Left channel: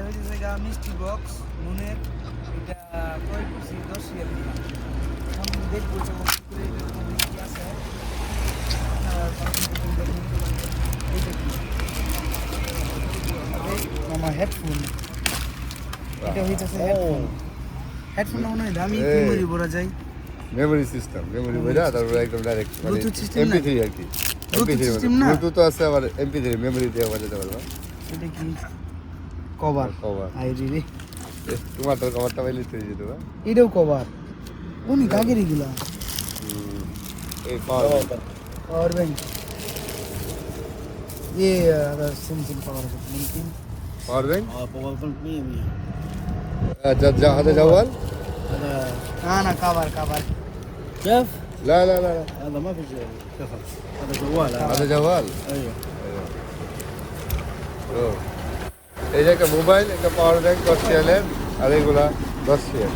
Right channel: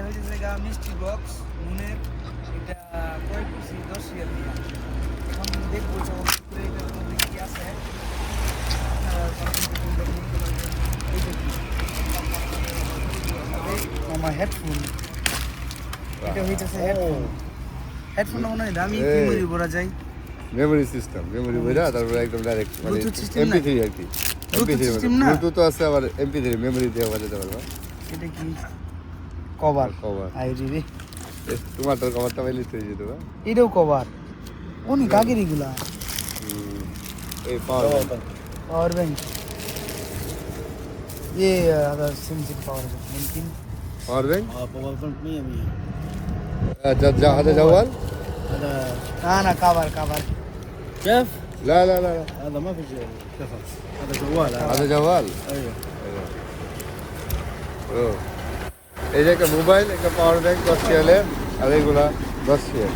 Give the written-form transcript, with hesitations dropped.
এটা হচ্ছে জায়গা মিষ্টি বক্স নুনের এটা ক্রয় করছি 10,000 দিয়ে এখন দেখবো যে এটার মধ্যে কি আছে আমার হেডফোন এটা হইতেছে হেডফোন মনে হয় দামি মেমোরি ভরা যায় মেমোরি সিস্টেম মেমোরি ভরা তারপরে একদম ডাইরেক্ট মানে ব্লুটুথ সিস্টেম না এমপি3 আর কি ব্লুটুথ সিস্টেম না ব্লুটুথ তো আছে আবার এমপি3 মেমোরি দিয়ে বাজাতে পারবো এটা কি কভার আই রে তোমার তো কভারটা বাইলে হয়ে যেত এটাও কভার কোন কাগের এগুলা এই কভার और भाई ये अगर SIM power bank power bank हाँ पावर बैंक नहीं है अभी هذا جوال هذا ना कवर كيف؟ لا لا لا هذا ما في شيء كيف هذا جوال هذا جوال ايوه এই যে একটা মোবাইল একটা পাওয়ার ব্যাংক 10 রিয়ালে আর এগুলা 10 রিয়াল